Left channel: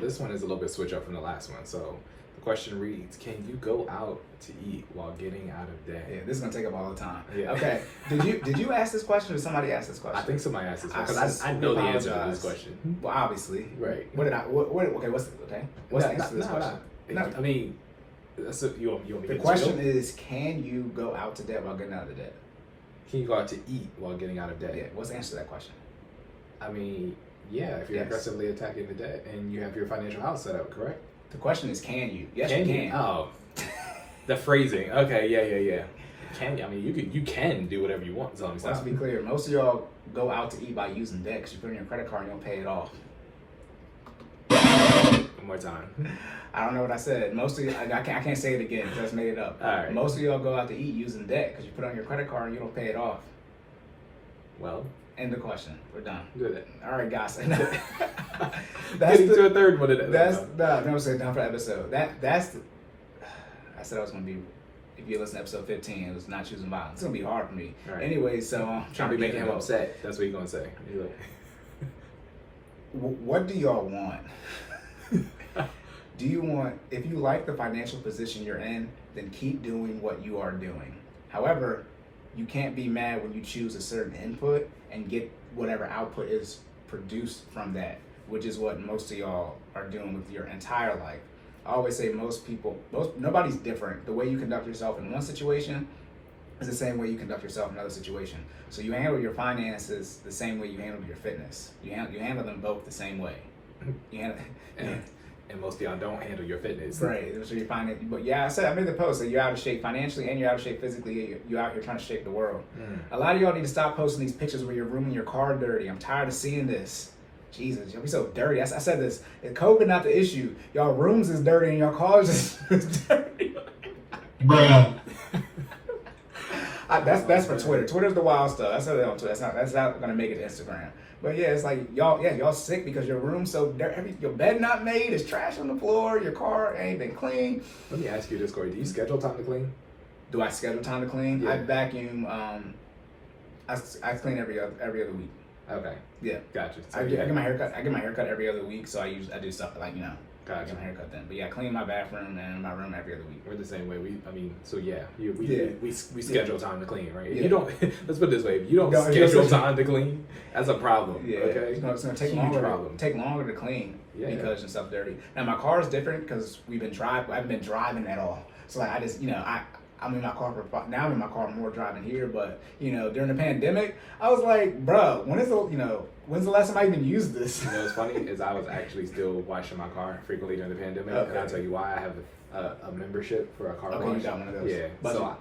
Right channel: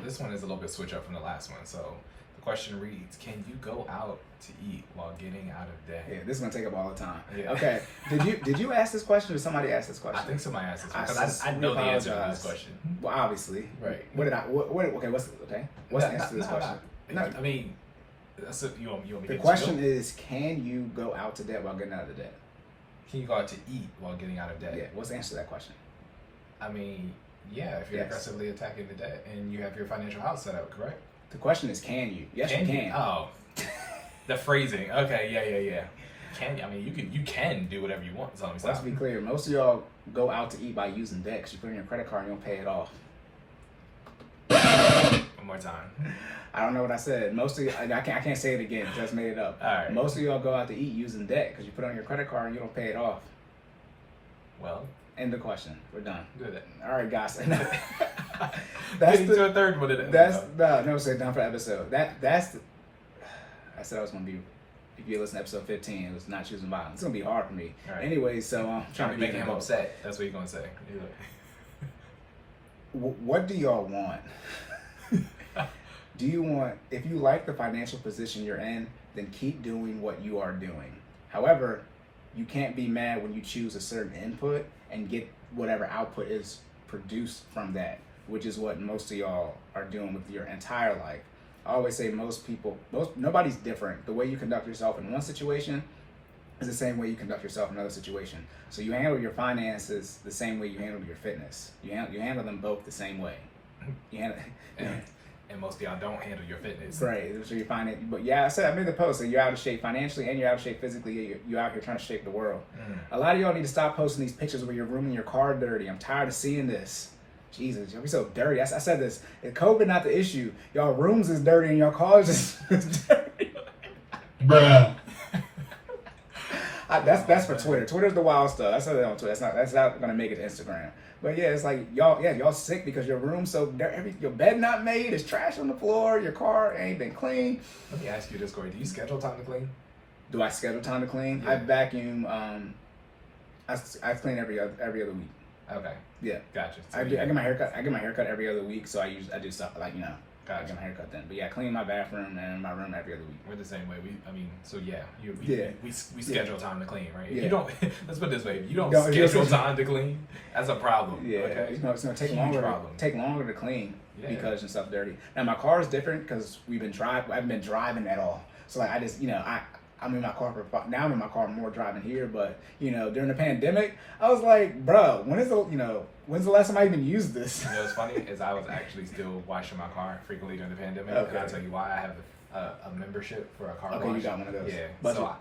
this one is a little bit switch up from the last one. So the question reads, can you go out to eat while getting out of debt? Yeah, this is gonna take up all the time. Yeah. Okay. Did you ask this question or somebody asked this question? I think somebody asked this question because I know the answer to this question. Well, obviously. Right. Okay, what's the answer to this question? No. I mean, that's you want me the question is, can you go out to debt while getting out of debt? Can you go out to eat while getting out of debt? Yeah. What's the answer to that question? I mean, yeah, if you're aggressively attacking the debt and you have your financial house set up, correct? The question is, can you? Yes, you can. Oh, the phrasing. Okay, yeah. Can you? I mean, you can do whatever you want. So let's be clear. Most of y'all go out to eat by using debt because you put it in your credit card and you don't pay it off. One more time. I don't know what I said. Most of you, I can't say it again. Just made it up. All right. Most of y'all go out to eat using debt because you put it on your credit card and you don't pay it off. Well, end the question. We're done. Good. All right, guys. Getting to a third one of that. That's no, say done for the episode. That's the. I said I was gonna be. If you listen to episode 15, it was not choosing violence. It's gonna be hard for me. Right. Anyway, so I'm trying to be making him upset. That's what you're gonna say. What do y'all want? Do you want, if you like the financial position you're in, then keep doing what you are doing. However, you can't be mad when you choose a certain input and get whatever output is produced from that, which is what most of y'all are doing with your entire life. I always say nobody's different. The way you conduct yourself in one situation is the same way you conduct yourself in another situation. So you handle your finances the same way you handle your fitness. You handle them both the same way. And most of y'all don't handle your fitness. Right. So you find it, but yeah, I made the post that you're out of shape financially and you're out of shape physically. You're out here trying to shape the world. A lot of y'all need to stop posting these pictures where you're rooming your car dirty. I'm tired of seeing this. Jesus, you'll be so dirty. I said this. If COVID not the issue, y'all rooms is dirty and your cars is dirty. Bruh. That's for Twitter. Twitter's the wild stuff. I said that on Twitter. That's not gonna make it to Instagram. But yeah, it's like y'all sick because your room's so dirty. Your bed not made. There's trash on the floor. Your car ain't been clean. Let me ask you this, Cory. Do you schedule time to clean? Do I schedule time to clean? Yeah. I vacuum. I clean every other week. Okay. Yeah. Gotcha. So I get my haircut. I get my haircut every other week. So I do stuff like Gotcha. I get my haircut then. But yeah, I clean my bathroom and my room every other week. We're the same way. We schedule time to clean, right? Yeah. You don't. Let's put it this way: if you don't schedule time to clean, that's a problem. Yeah. Okay. It's gonna take longer to clean because your stuff's dirty. Now my car is different because I haven't been driving at all. So like I just I'm in my car now. I'm in my car more driving here, but during the pandemic, I was like, bruh, when's the last time I even used this? What's funny is I was actually still washing my car frequently during the pandemic. Okay. And I'll tell you why. I have a membership for a car wash. You got one of those. Yeah. Budget. So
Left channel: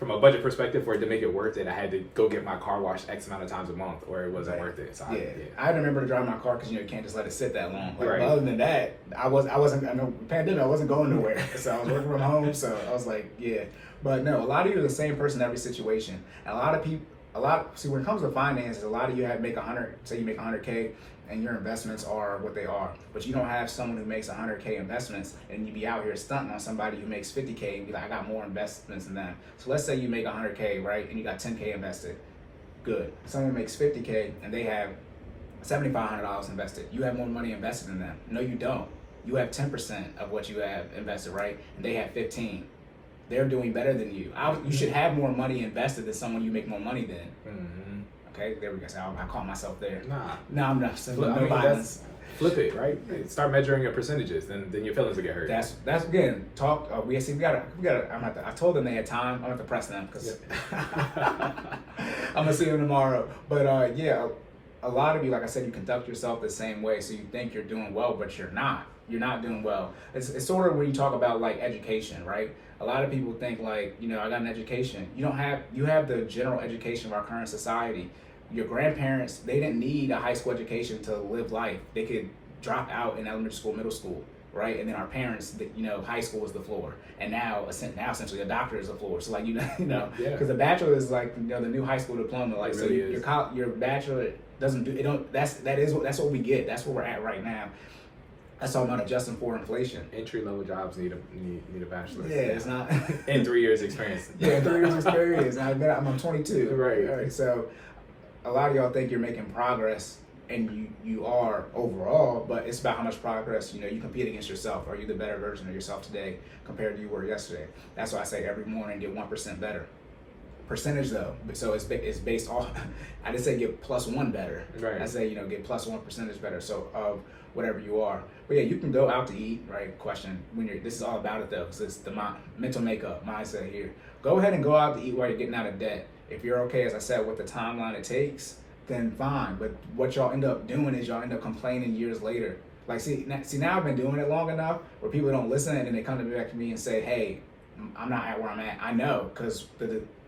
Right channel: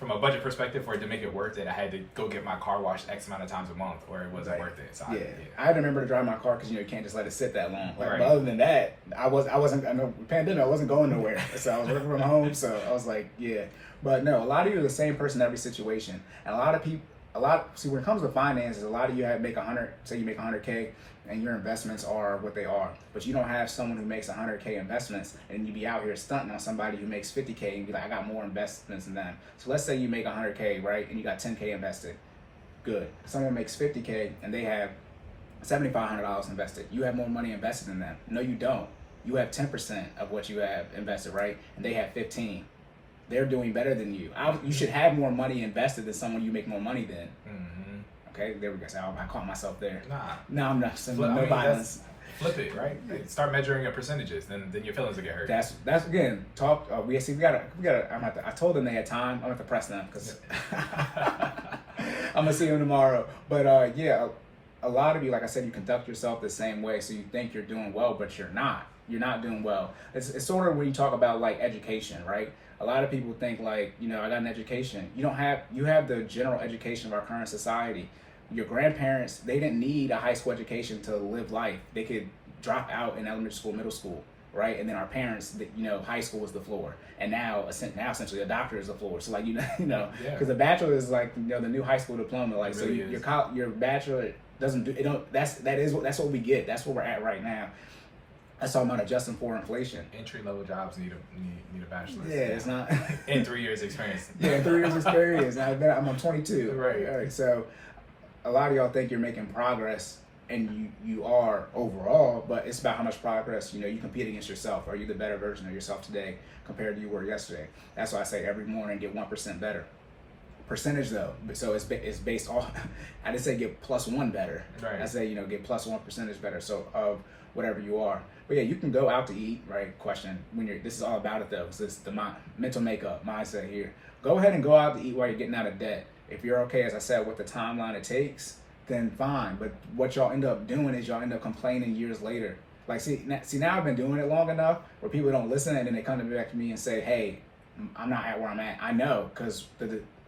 from a budget perspective, for it to make it worth it, I had to go get my car washed X amount of times a month, or it wasn't worth it. So I had to remember to drive my car because you can't just let it sit that long. Like, right. But other than that, I wasn't. I know pandemic, I wasn't going nowhere, so I was working from home. So I was like, yeah. But no, a lot of you are the same person in every situation, and when it comes to finances, a lot of you make 100. Say you make 100K, and your investments are what they are, but you don't have someone who makes 100K investments, and you be out here stunting on somebody who makes 50K, and be like, I got more investments than them. So let's say you make 100K, right, and you got 10K invested. Good. Someone makes 50K, and they have $7,500 invested. You have more money invested than them. No, you don't. You have 10% of what you have invested, right, and they have 15. They're doing better than you. You should have more money invested than someone you make more money than. Mm-hmm. Okay, there we go. So I caught myself there. No, I'm not. No violence. Flip it, right? Start measuring your percentages, then your feelings will get hurt. That's again. Talk. We gotta. I told them they had time. I'm gonna have to press them because I'm gonna see them tomorrow. But a lot of you, like I said, you conduct yourself the same way. So you think you're doing well, but you're not. You're not doing well. It's sort of when you talk about like education, right? A lot of people think like, I got an education. You have the general education of our current society. Your grandparents, they didn't need a high school education to live life. They could drop out in elementary school, middle school, right? And then our parents, high school was the floor. And now essentially a doctor is the floor. So like, because a bachelor is like, the new high school diploma. Like, so your bachelor doesn't do, it don't, that's what we get. That's where we're at right now. That's talking about adjusting for inflation. Entry-level jobs need a bachelor's. Yeah, it's not. And 3 years experience. Yeah, 3 years experience. I'm 22. Right. All right. So a lot of y'all think you're making progress and you are overall, but it's about how much progress, you compete against yourself. Are you the better version of yourself today compared to you were yesterday? That's why I say every morning get 1% better. Percentage though, so it's based off. I didn't say get +1 better. Right. I say get +1% better. So of whatever you are. But yeah, you can go out to eat. Right? Question. This is all about it though, because it's the mental makeup mindset here. Go ahead and go out to eat while you're getting out of debt. If you're okay, as I said, with the timeline it takes, then fine. But what y'all end up doing is y'all end up complaining years later. Like see now I've been doing it long enough where people don't listen and then they come back to me and say, hey, I'm not at where I'm at. I know, because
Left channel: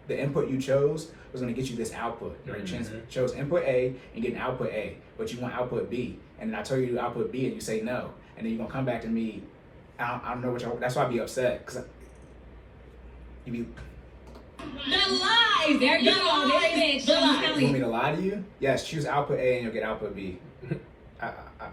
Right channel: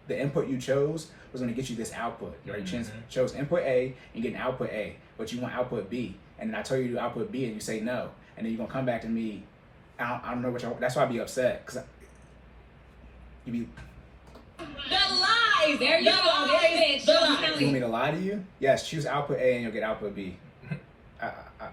the input you chose was going to get you this output. Right? You chose input A and get an output A, but you want output B. And then I tell you to do output B and you say no. And then you're going to come back to me. I don't know what that's why I be upset. Because you be... The lie! There you go. There it is. You want me to lie to you? Yes, choose output A and you'll get output B.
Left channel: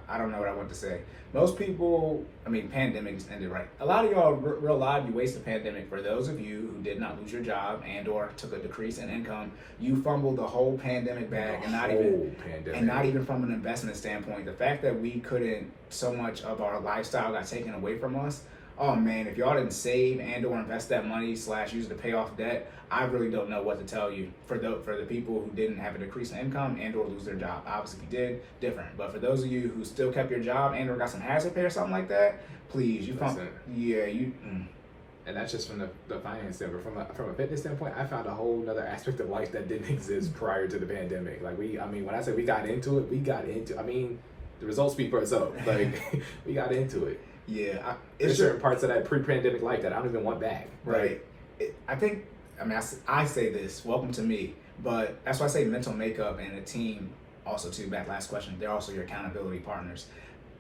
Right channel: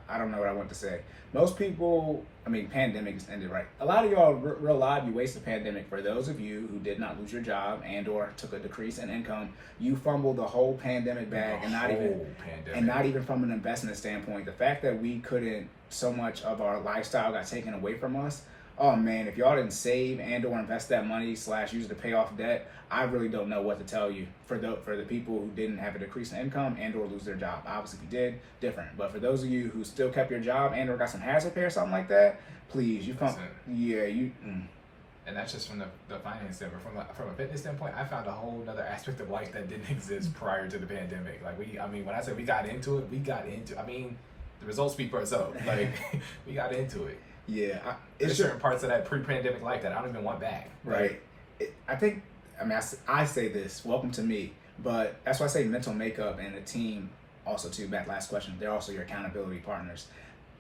I don't know what I want to say. Most people, pandemic just ended, right? A lot of y'all real live, you waste the pandemic. For those of you who did not lose your job and or took a decrease in income, you fumbled the whole pandemic bag, and not even from an investment standpoint. The fact that we couldn't, so much of our lifestyle got taken away from us. Oh man, if y'all didn't save and or invest that money / use it to pay off debt, I really don't know what to tell you. For the people who didn't have a decrease in income and or lose their job. Obviously if you did, different. But for those of you who still kept your job and or got some hazard pay or something like that, please, And that's just from the finance standpoint. From a fitness standpoint, I found a whole other aspect of life that didn't exist prior to the pandemic. Like when I say we got into it, the results speak for itself. Like we got into it. Yeah, there's certain parts of that pre-pandemic life that I don't even want back. Right. I say this, welcome to me, but that's why I say mental makeup and a team also too, back last question, they're also your accountability partners.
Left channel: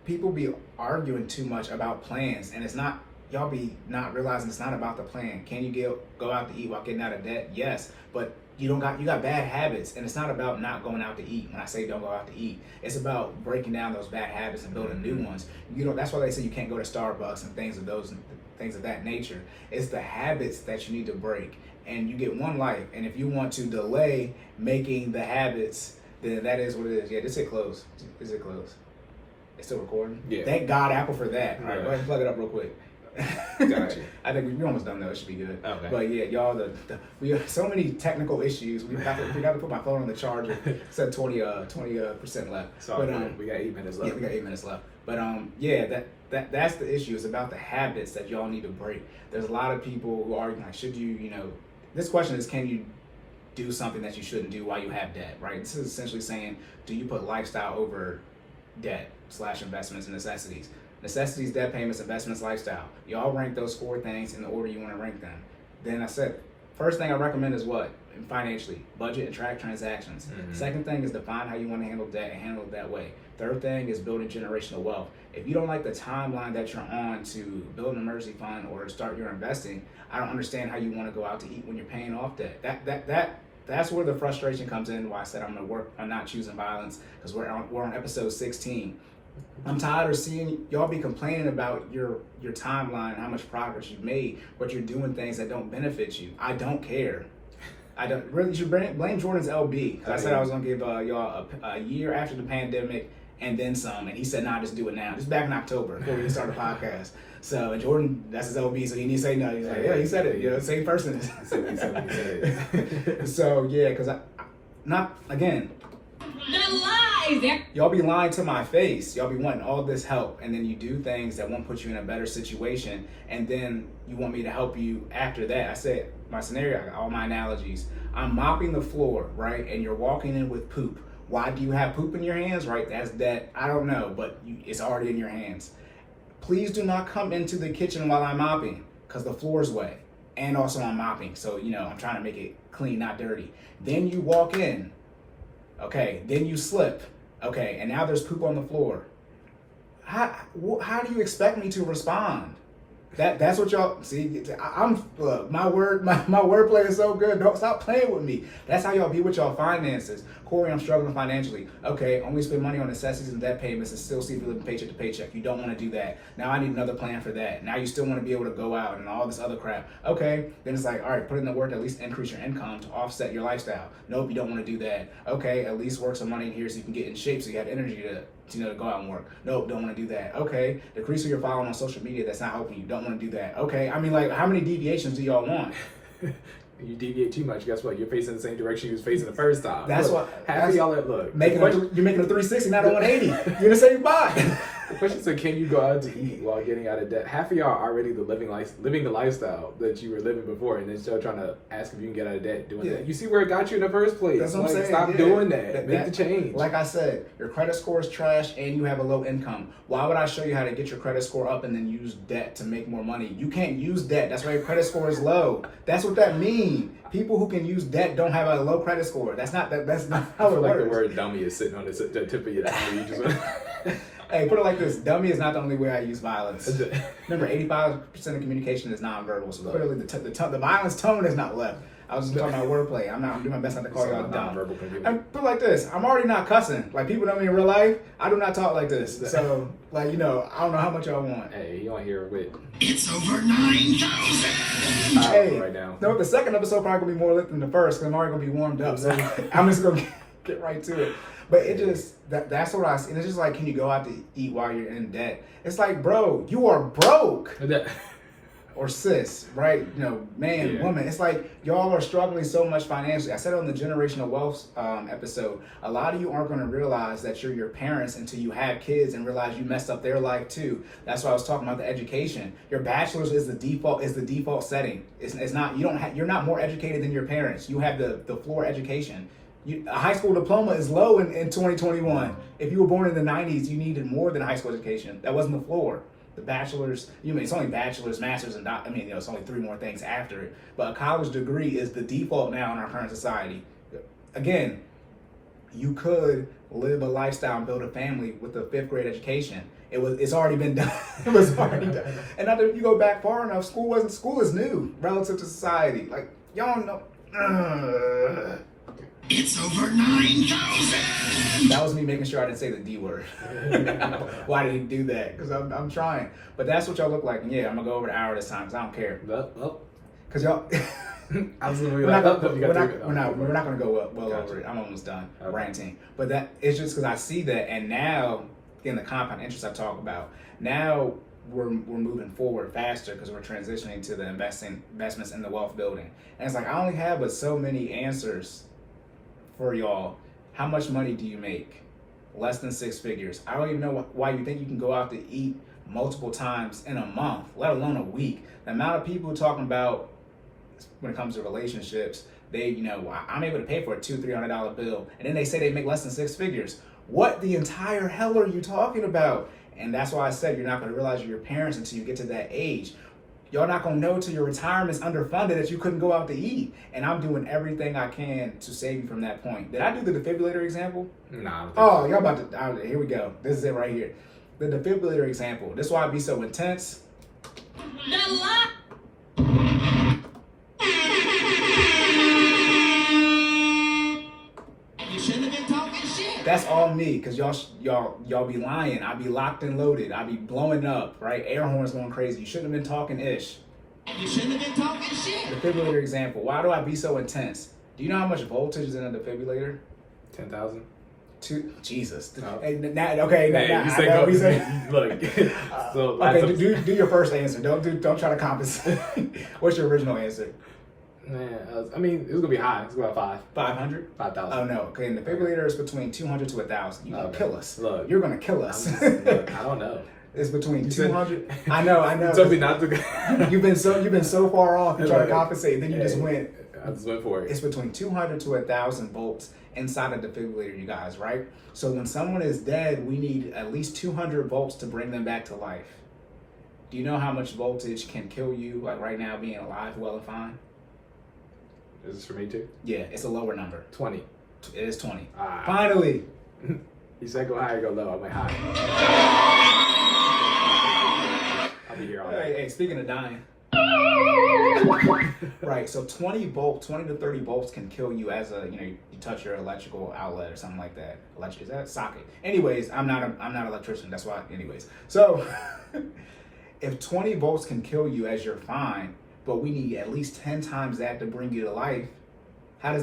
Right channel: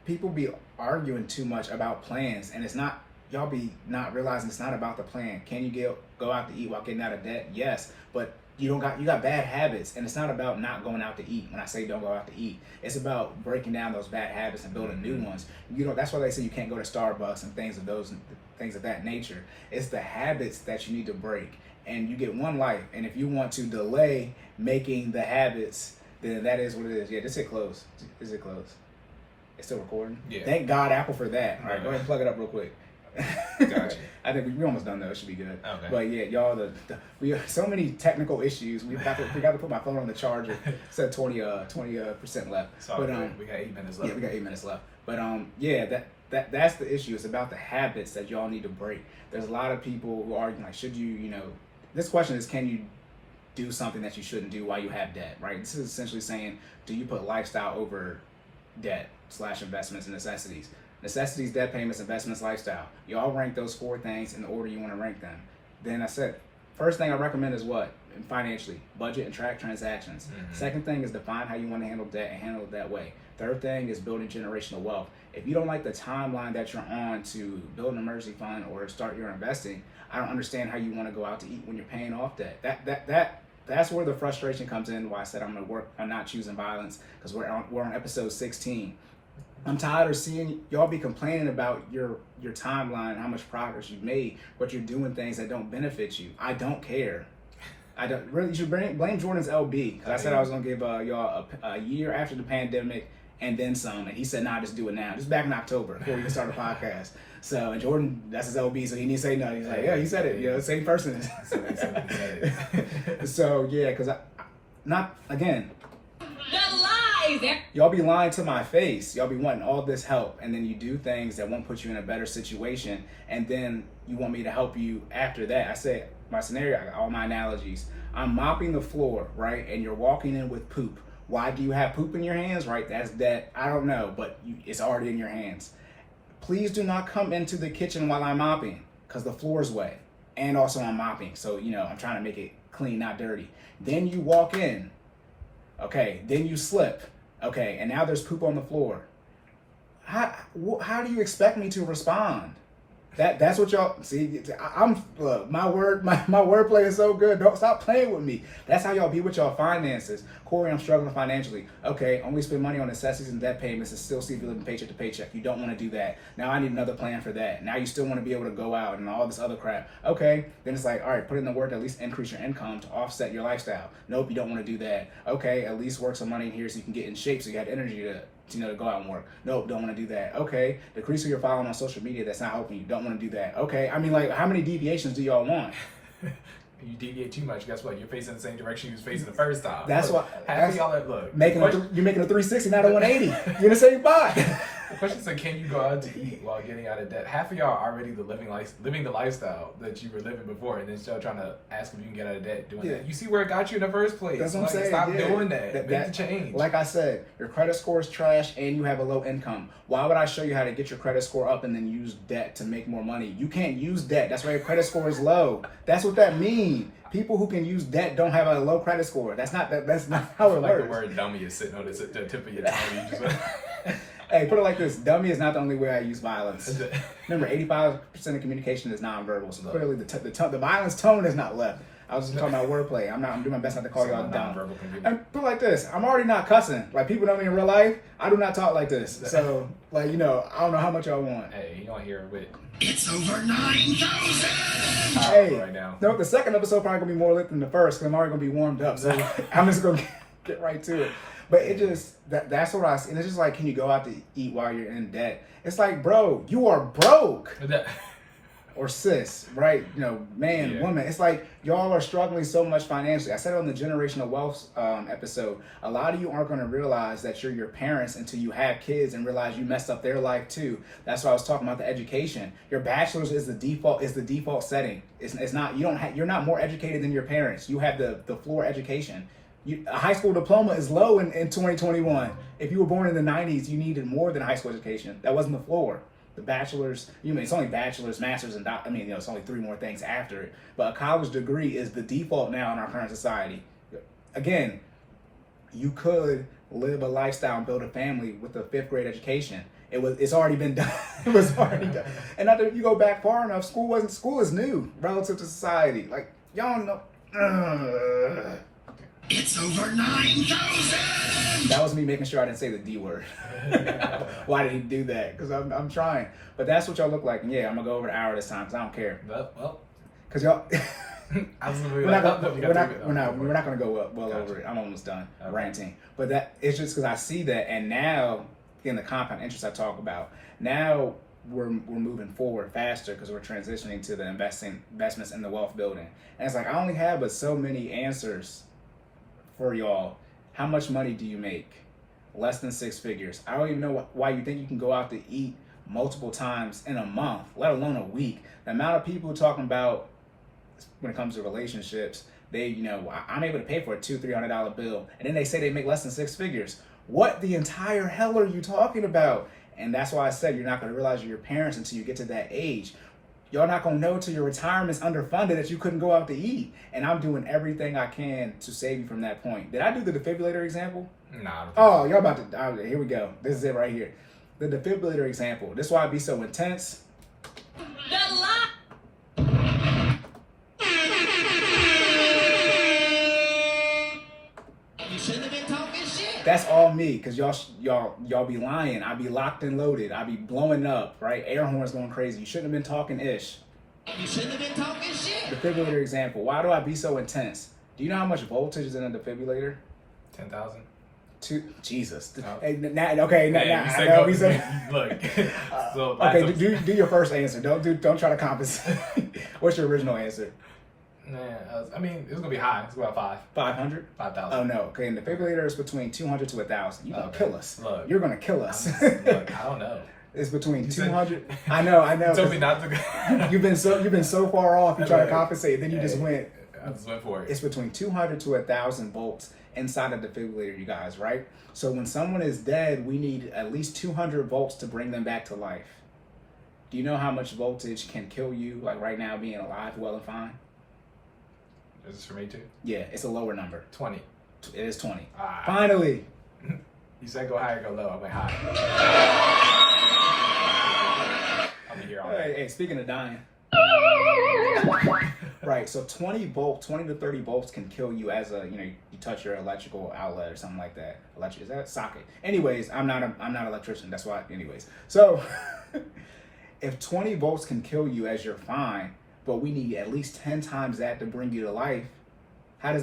People be arguing too much about plans, and it's not, y'all be not realizing it's not about the plan. Can you go out to eat while getting out of debt? Yes, but you got bad habits, and it's not about not going out to eat. When I say don't go out to eat, it's about breaking down those bad habits and building new ones. That's why they say you can't go to Starbucks and things of that nature. It's the habits that you need to break, and you get one life. And if you want to delay making the habits, then that is what it is. Yeah, just hit close. Is it close? It's still recording. Yeah. Thank God, Apple, for that. All right, go ahead and plug it up real quick. Gotcha. I think we're almost done though. It should be good. Okay. But yeah, y'all, we have so many technical issues. We got to put my phone on the charger. It said 20% left. So but we got 8 minutes left. Yeah, we got 8 minutes left. But that's the issue. It's about the habits that y'all need to break. There's a lot of people who argue like, should you this question is, can you do something that you shouldn't do while you have debt, right? This is essentially saying, do you put lifestyle over debt / investments and necessities? Necessities, debt payments, investments, lifestyle. You all rank those 4 things in the order you want to rank them. Then I said, first thing I recommend is what? Financially, budget and track transactions. Second thing is define how you want to handle debt and handle it that way. Third thing is building generational wealth. If you don't like the timeline that you're on to build an emergency fund or start your investing, I don't understand how you want to go out to eat when you're paying off debt. That's where the frustration comes in. Why I said I'm going to work on not choosing violence, because we're on episode 16. I'm tired of seeing y'all be complaining about your timeline and how much progress you've made, but you're doing things that don't benefit you. I don't care. I don't really. You should blame Jordan's LB, because I said I was gonna give y'all a year after the pandemic and then some, and he said, "Nah, just do it now." Just back in October before we started the podcast. So, and Jordan, that's his LB, so he didn't say nothing. He's like, "Yeah, he said it." Same person. He said it. So yeah, because not again. The lies. Y'all be lying to my face. Y'all be wanting all this help, and then you do things that won't put you in a better situation, and then you want me to help you after that. I said my scenario, all my analogies. I'm mopping the floor, right? And you're walking in with poop. Why do you have poop in your hands, right? That's that. I don't know, but it's already in your hands. Please do not come into the kitchen while I'm mopping, because the floor is wet, and also I'm mopping. So I'm trying to make it clean, not dirty. Then you walk in. Okay, then you slip. Okay, and now there's poop on the floor. How do you expect me to respond? That's what y'all see. I'm look, my wordplay is so good. Don't stop playing with me. That's how y'all be with y'all finances. Cory, I'm struggling financially. Okay, only spend money on necessities and debt payments and still see if you're living paycheck to paycheck. You don't want to do that. Now I need another plan for that. Now you still want to be able to go out and all this other crap. Okay, then it's like, all right, put in the work to at least increase your income to offset your lifestyle. Nope, you don't want to do that. Okay, at least work some money in here so you can get in shape so you have energy to go out and work. Nope, don't want to do that. Okay, decrease who you're following on social media that's not helping you. Don't want to do that. Okay, I mean, like, how many deviations do y'all want? You deviate too much, guess what? You're facing the same direction you was facing the first time. That's look, what half of y'all are, you're making a 360, not a 180. You're in the same spot. The question is, can you go out to eat while getting out of debt? Half of y'all are already living the lifestyle that you were living before, and then still trying to ask if you can get out of debt doing that. You see where it got you in the first place. That's what I'm saying. Stop doing that. Make the change. Like I said, your credit score is trash and you have a low income. Why would I show you how to get your credit score up and then use debt to make more money? You can't use debt. That's why your credit score is low. That's what that means. People who can use debt don't have a low credit score. That's not how it works. Like the word dummy is sitting on the tip of your tongue. You just Hey, put it like this: dummy is not the only way I use violence. Remember, 85% of communication is nonverbal. So clearly, the violence tone is not left. I was just talking about wordplay. I'm doing my best not to call y'all dumb. And put it like this: I'm already not cussing. Like, people know me in real life. I do not talk like this. So, like, I don't know how much y'all want. Hey, you don't hear it with. It's over 9,000. Hey, right now. No, the second episode probably gonna be more lit than the first because I'm already gonna be warmed up. So I'm just gonna get right to it. But it just that's what I see. And it's just like, can you go out to eat while you're in debt? It's like, bro, you are broke. Or sis, right? Man, woman. It's like y'all are struggling so much financially. I said it on the generational wealth episode. A lot of you aren't going to realize that you're your parents until you have kids and realize you messed up their life too. That's why I was talking about the education. Your bachelor's is the default setting. It's not. You're not more educated than your parents. You have the floor education. A high school diploma is low in 2021. If you were born in the 90s, you needed more than high school education. That wasn't the floor. The bachelor's, it's only bachelor's, master's, and it's only 3 more things after it. But a college degree is the default now in our current society. Again, you could live a lifestyle and build a family with a 5th grade education. It's already been done. It was already done. And after you go back far enough, school is new relative to society. Like, y'all know. It's over 9,000. That was me making sure I didn't say the D word. Why did he do that? Because I'm trying. But that's what y'all look like. And yeah, I'm going to go over the hour this time because I don't care. Well. Because y'all... We're not going to go well over it. I'm almost done ranting. But that it's just because I see that. And now, in the compound interest I talk about, now we're moving forward faster because we're transitioning to the investments in the wealth building. And it's like, I only have but so many answers for y'all. How much money do you make? Less than 6 figures. I don't even know why you think you can go out to eat multiple times in a month, let alone a week. The amount of people talking about when it comes to relationships, I'm able to pay for a $200-$300 bill, and then they say they make less than 6 figures. What the entire hell are you talking about? And that's why I said you're not going to realize you're your parents until you get to that age. Y'all not going to know till your retirement's underfunded that you couldn't go out to eat. And I'm doing everything I can to save you from that point. Did I do the defibrillator example? Nah. Oh, y'all about to... here we go. This is it right here. The defibrillator example. This is why I be so intense. The lie. You shouldn't have been talking shit. That's all me, because y'all be lying. I be locked and loaded. I be blowing up, right? Air horns going crazy. You shouldn't have been talking ish. You shouldn't have been talking shit. Defibrillator example. Why do I be so intense? Do you know how much voltage is in a defibrillator? 10,000. Jesus. Oh. Hey, look. So okay, do your first answer. Don't try to compensate. What's your original answer? It was gonna be high. It's about 5. 500? 5,000. Oh no. Okay, and the defibrillator is between 200 to 1,000. You gonna kill us. Look, you're gonna kill us. I don't know. It's between 200. I know. You told me not to go. You've been so far off. You try to compensate, then you just went. I just went for it. It's between 200 to 1,000 volts inside a defibrillator, you guys, right? So when someone is dead, we need at least 200 volts to bring them back to life. Do you know how much voltage can kill you, like right now, being alive, well and fine? Is this for me too? Yeah, it's a lower number. 20. It is 20. Finally. You said go high or go low. I went high. I'll be here all day. Hey, speaking of dying. Right, so 20 to 30 volts can kill you as you touch your electrical outlet or something like that. Is that a socket? Anyways, I'm not an electrician. That's why. Anyways, so if 20 volts can kill you as you're fine, but we need at least 10 times that to bring you to life. How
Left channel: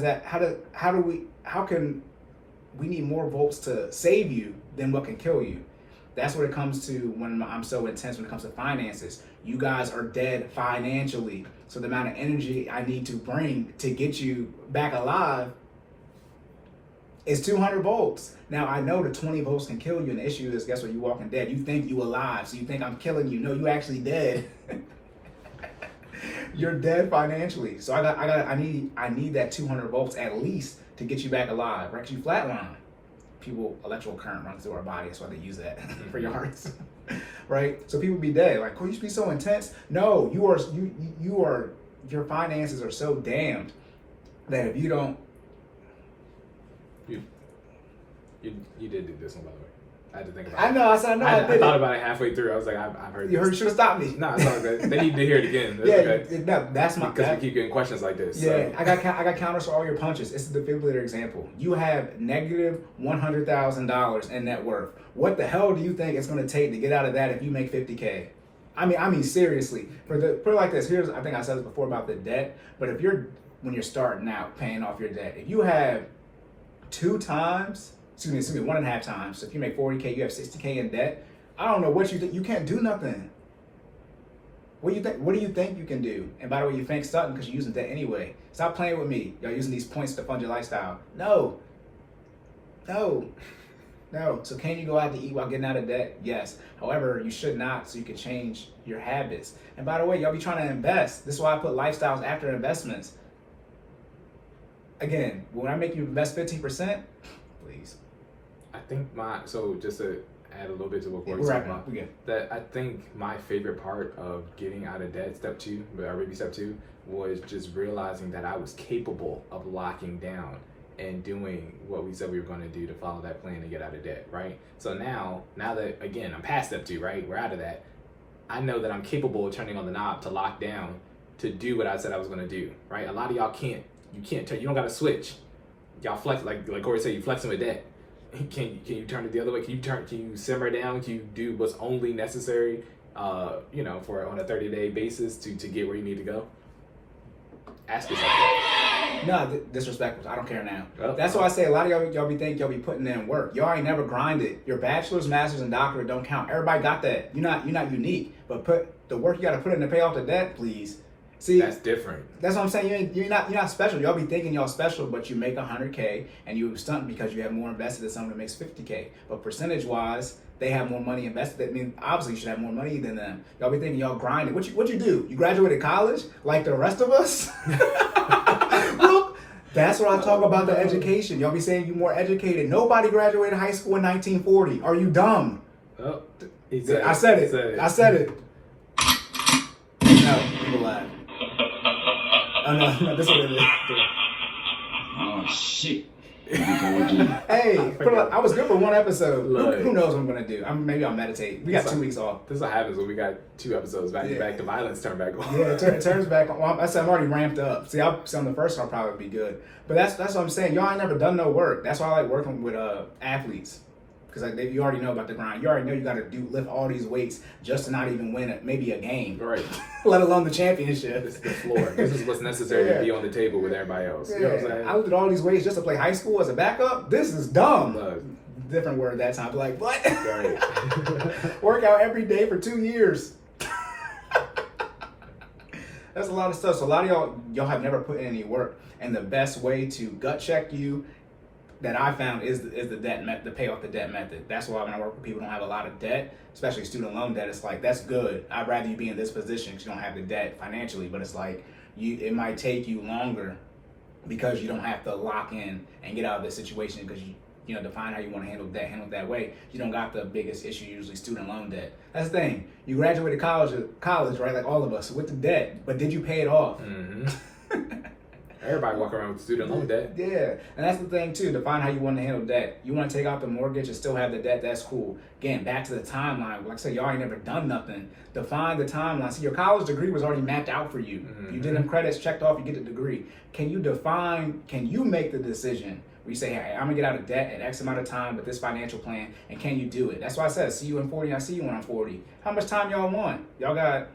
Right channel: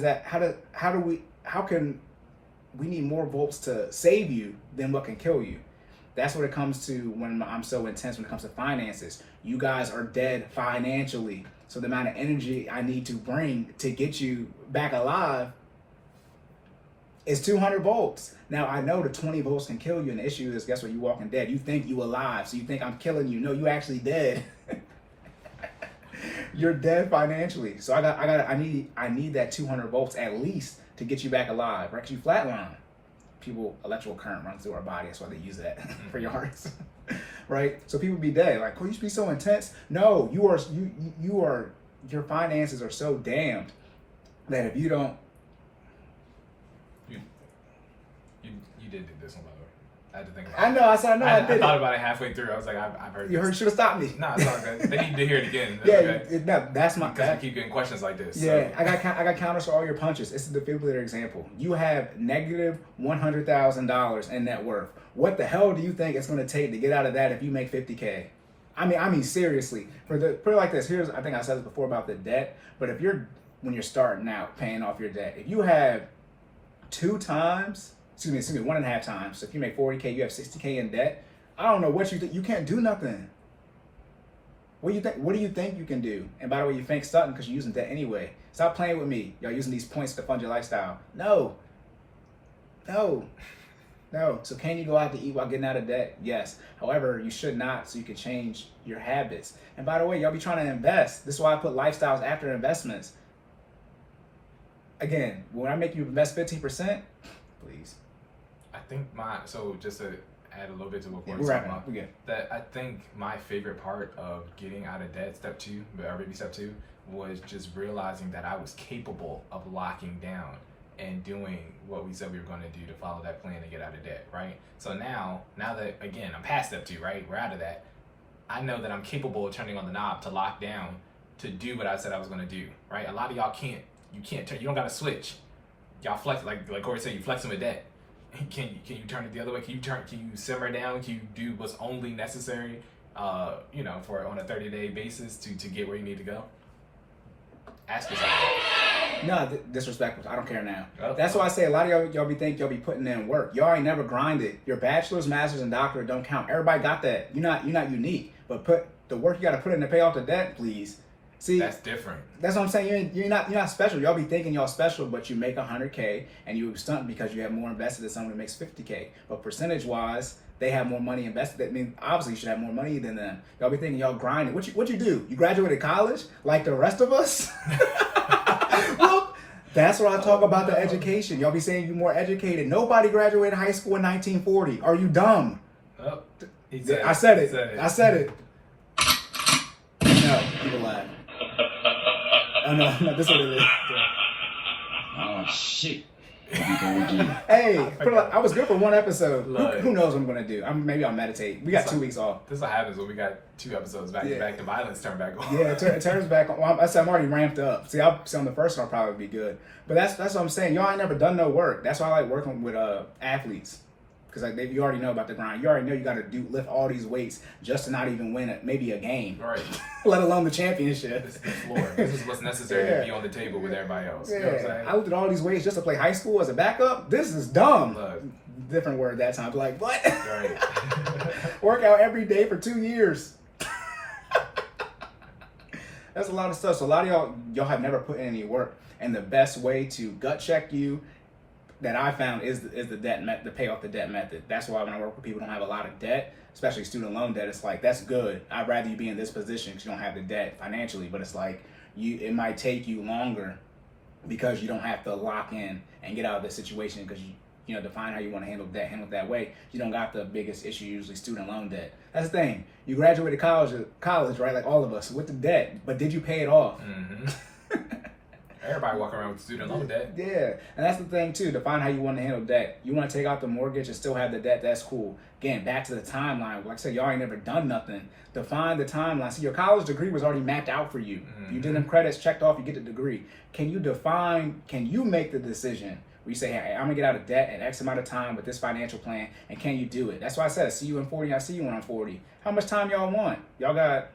can we need more volts to save you than what can kill you? That's what it comes to when I'm so intense when it comes to finances. You guys are dead financially. So the amount of energy I need to bring to get you back alive is 200 volts. Now I know the 20 volts can kill you, and the issue is, guess what? You walking dead. You think you alive, so you think I'm killing you. No, you actually dead. You're dead financially. So I need that 200 volts at least to get you back alive. Right? 'Cause you flatline. Electrical current runs through our body. That's why they use that for your hearts. Right? So people be dead. Like, Cory, you should be so intense. No, your finances are so damned that if you don't. You did do this one, by the way. I had to think about it. I know. I did I it. thought about it halfway through. I was like, I've heard. You should have stopped me. No, it's all good. They need to hear it again. That's my. Because we keep getting questions like this. Yeah, So. I got counters for all your punches. It's the defibrillator example. You have negative $100,000 in net worth. What the hell do you think it's going to take to get out of that if you make 50K? I mean seriously. Put it like this. I think I said this before about the debt. But when you're starting out paying off your debt, if you have 1.5 times. So if you make 40K, you have 60K in debt. I don't know what you think. You can't do nothing. What do you think? What do you think you can do? And by the way, you think something because you're using debt anyway. Stop playing with me. Y'all using these points to fund your lifestyle. No. So can you go out to eat while getting out of debt? Yes. However, you should not, so you can change your habits. And by the way, y'all be trying to invest. This is why I put lifestyles after investments. Again, when I make you invest 15%, please. I think so just to add a little bit to what Cory's we're talking wrapping up. about, We're good. that I think my favorite part of getting out of debt, step 2, was just realizing that I was capable of locking down and doing what we said we were going to do to follow that plan to get out of debt, right? So now that, again, I'm past step 2, right? We're out of that. I know that I'm capable of turning on the knob to lock down to do what I said I was going to do, right? A lot of y'all can't. You don't got to switch. Y'all flex, like Cory said, you flexing with debt. Can you turn it the other way? Can you simmer down? Can you do what's only necessary, for on a 30-day basis to get where you need to go? Ask yourself that. No, disrespectful. I don't care now. That's why I say a lot of y'all be putting in work. Y'all ain't never grinded. Your bachelor's, master's, and doctorate don't count. Everybody got that. You're not unique. But put the work you got to put in to pay off the debt, please. See, that's different. That's what I'm saying. You're not special. Y'all be thinking y'all special, but you make 100K and you stunt because you have more invested than someone that makes 50K. But percentage wise, they have more money invested. I mean, obviously you should have more money than them. Y'all be thinking y'all grinding. What you do? You graduated college like the rest of us? Look, that's what I talk about the education. Y'all be saying you're more educated. Nobody graduated high school in 1940. Are you dumb? Oh, I said it. No, people laugh. Oh, no, this is what it is. Oh, shit. Hey, I was good for one episode. Who knows what I'm going to do? Maybe I'll meditate. We got 2 weeks off. This is what happens when we got 2 episodes back to back. The violence turned back on. Yeah, it turns back on. I'm already ramped up. See, on the first one I'll probably be good. But that's what I'm saying. Y'all ain't never done no work. That's why I like working with athletes. Because you already know about the grind. You already know you got to lift all these weights just to not even win maybe a game. Right. Let alone the championship. This is the floor. This is what's necessary to be on the table with everybody else. You know what I'm saying? I lifted all these weights just to play high school as a backup. This is dumb. Look. Different word that time. Like, what? Right. Work out every day for 2 years. That's a lot of stuff. So a lot of y'all have never put in any work. And the best way to gut check you that I found is the debt the pay off the debt method. That's why when I work with people who don't have a lot of debt, especially student loan debt, it's like, that's good. I'd rather you be in this position because you don't have the debt financially, but it's like it might take you longer because you don't have to lock in and get out of the situation because you define how you want to handle it that way. You don't got the biggest issue, usually student loan debt. That's the thing. You graduated college, right? Like all of us with the debt, but did you pay it off? Mm-hmm. Everybody walk around with student loan debt. Yeah, and that's the thing too. Define how you want to handle debt. You want to take out the mortgage and still have the debt. That's cool. Again, back to the timeline. Like I said, y'all ain't never done nothing. Define the timeline. See, your college degree was already mapped out for you. You did them credits, checked off, you get the degree. Can you define? Can you make the decision? Where you say, hey, I'm gonna get out of debt in X amount of time with this financial plan, and can you do it? That's why I said, see you in 40. I see you when I'm 40. How much time y'all want? Y'all got.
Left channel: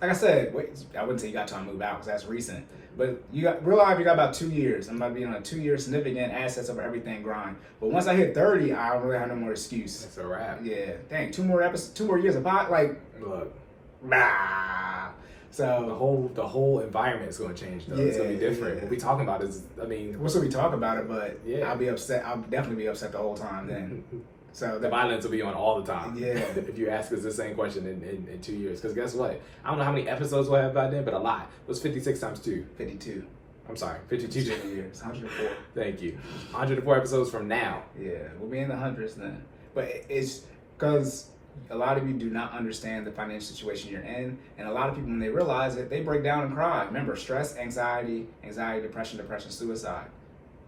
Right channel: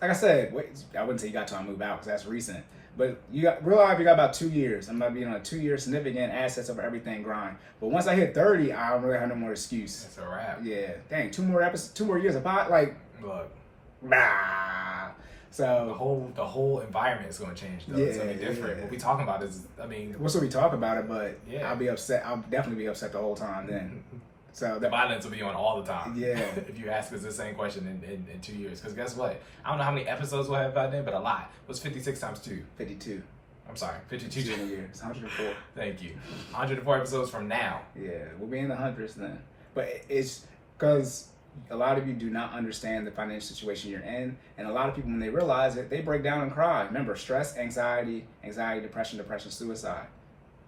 Like I said, wait, I wouldn't say you got time to move out because that's recent. But you got real life, you got about 2 years. I'm about to be on a 2-year significant assets over everything grind. But once I hit 30, I don't really have no more excuse. That's a wrap. Yeah. Dang, 2 more years of pot, like Look, bah. So the whole environment is going to change though. It's going to be different. Yeah. What we talking about is, I mean, we'll still be talking about it, but Yeah. I'll be upset. I'll definitely be upset the whole time then. So the violence will be on all the time. Yeah. If you ask us the same question in 2 years. Because guess what? I don't know how many episodes we'll have by then, but a lot. What's 56 times 2? 52. I'm sorry, 52 years. 104. Thank you. 104 episodes from now. Yeah, we'll be in the hundreds then. But it's because a lot of you do not understand the financial situation you're in, and a lot of people, when they realize it, they break down and cry. Remember, stress, anxiety, depression, suicide.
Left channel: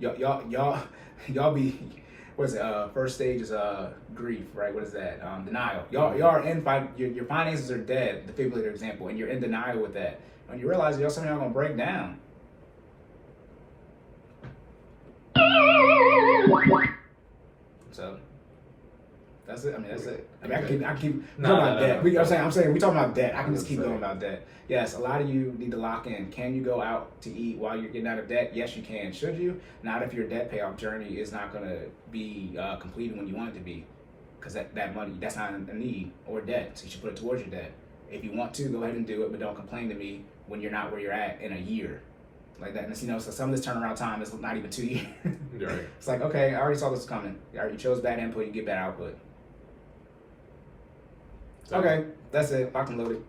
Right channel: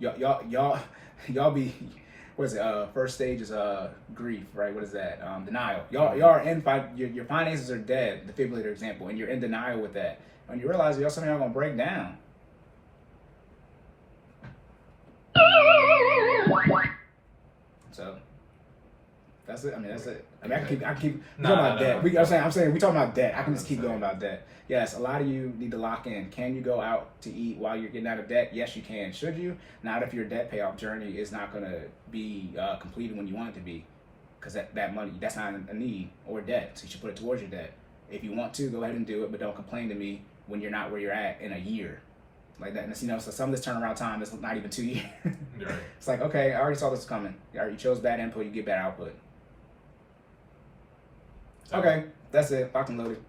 Y'all be. What is it? First stage is grief, right? What is that? Denial. Y'all are in your finances are dead. Defibrillator example, and you're in denial with that. When you realize some of y'all gonna break down. So that's it. I mean, that's it. I mean, I can keep talking about debt. I'm saying we talking about debt. I can just keep going about debt. Yes, a lot of you need to lock in. Can you go out to eat while you're getting out of debt? Yes, you can. Should you? Not if your debt payoff journey is not going to be completed when you want it to be, because that money, that's not a need or debt. So you should put it towards your debt. If you want to, go ahead and do it, but don't complain to me when you're not where you're at in a year. Like that, and so some of this turnaround time is not even 2 years. Yeah. It's like, okay, I already saw this coming. You chose bad input, you get bad output. So, Okay, that's it. Locked and loaded.